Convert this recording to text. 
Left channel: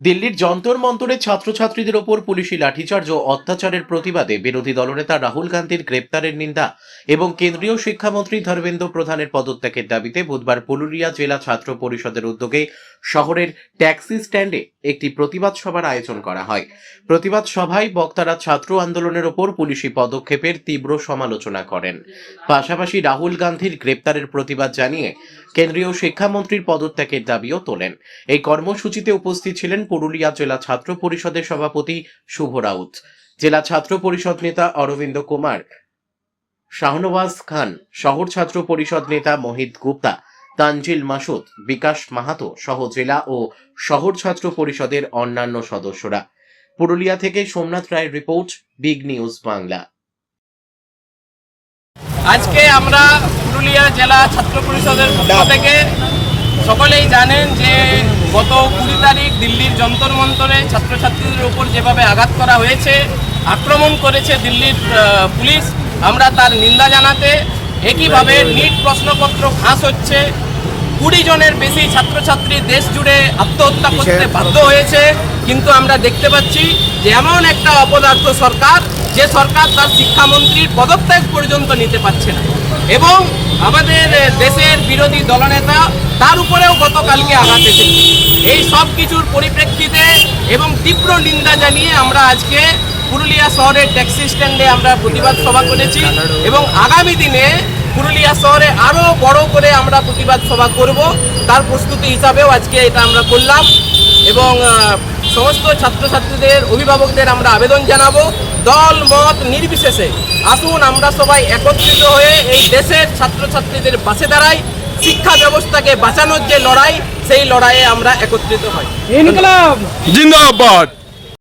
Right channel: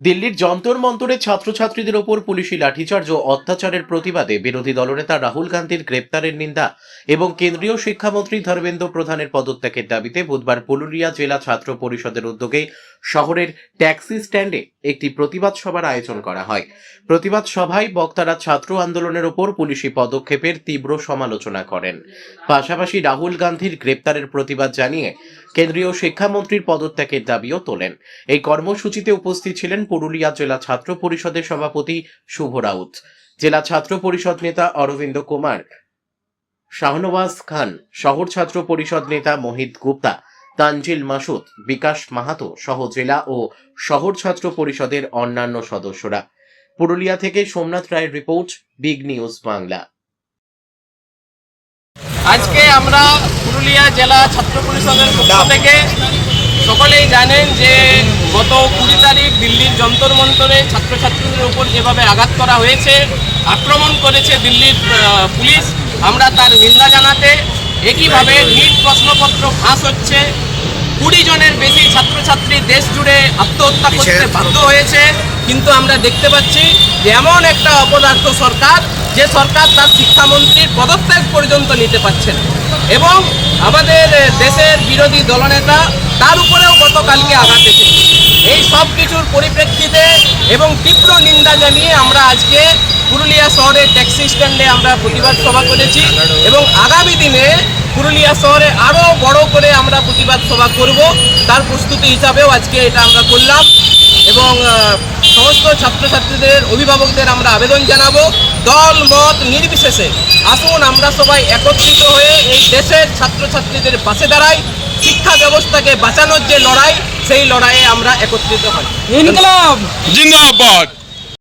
দিল্লির যন্তর মন্তরে ছাত্রছাত্রীদের ওপর পুলিশি লাঠিচার্জ ও অত্যাচারের প্রতিবাদে বিরোধী দলনেতা রাহুল গান্ধীর গ্রেপ্তারের নিন্দা এবং কেন্দ্রীয় শিক্ষামন্ত্রী ধর্মেন্দ্র প্রধানের পদত্যাগের দাবিতে বুধবার পুরুলিয়া জেলা ছাত্র পরিষদের উদ্যোগে শহরের ট্যাক্সি স্ট্যান্ডে একটি প্রতিবাদ সভার আয়োজন করা হয়। প্রতিবাদ সভায় বক্তারা ছাত্র আন্দোলনের ওপর পুলিশি পদক্ষেপের তীব্র সমালোচনা করেন। পাশাপাশি রাহুল গান্ধীর গ্রেপ্তারের প্রতিবাদ জানিয়ে কেন্দ্রীয় শিক্ষামন্ত্রীর পদত্যাগের দাবিও তোলেন। এই কর্মসূচিতে উপস্থিত ছিলেন পুরুলিয়া জেলা ছাত্র পরিষদের সভাপতি শুভ রাউত, জেলা ছাত্র পরিষদ নেতা অরবিন্দ কুমার, শাহনওয়াজ খান, শহর ছাত্র পরিষদ নেতা মোহিত গুপ্তা, তানজিল মাসুদ, বিকাশ মাহাতো সহ জেলা ও শহর ছাত্র পরিষদের অন্যান্য সদস্যরা। পুরুলিয়া থেকে সোমনাথ রায়ের রিপোর্ট, বিগ নিউজ বাংলা। আজকে আমরা পুরুলিয়া জেলা ছাত্র পরিষদের পক্ষ থেকে সকলেই জানেন যে গত 20 তারিখ দিল্লির যন্তর মন্তরে ছাত্রছাত্রীদের উপর যেভাবে আঘাত করা হয়েছে, আক্রমণ করেছে দিল্লির পুলিশ, আমরা তার নিন্দা জানাতে একইভাবে নিট প্রশ্নপত্র ফাঁস হচ্ছে। 20 জনের বেশি ছাত্রছাত্রী দেশ জুড়ে আত্মহত্যা করতে বাধ্য হয়েছে। কিন্তু আমরা দেখতে পাচ্ছি যে এমন একটা অপদার্থ সরকার, যে সরকার তার শিক্ষামন্ত্রীর পদত্যাগ পর্যন্ত নিতে পারছে না, এবং আমাদের দেশের বিরোধী দলনেতা তার উপরেও গতকালকে আঘাত এসেছে। এই সব কিছুর পরিপ্রেক্ষিতে এবং তীব্র নিন্দা জানিয়ে আমরা আজকে পুরুলিয়া শহরের ট্যাক্সি স্ট্যান্ডে আমরা প্রতিবাদ সভা করেছি, এবং আগামী দিনে পুরুলিয়া শহরে আরও বড় করে আমরা প্রতিবাদ সভা করব, তার প্রস্তুতি হিসাবেও আজকে এটা আমরা করলাম। এবং সমস্ত ছাত্রছাত্রীদের অভিভাবকদের আমরা আবেদন জানাবো, দল মত নির্বিশেষে আসুন আমরা সবাই একত্রিত হয়ে এই দেশের ছাত্রছাত্রীদের পাশে দাঁড়াই। শিক্ষা ব্যবস্থাকে বাঁচানোর যে লড়াই, সেই লড়াইয়ে আমরা একত্রিত হই। জিন্দাবাদ।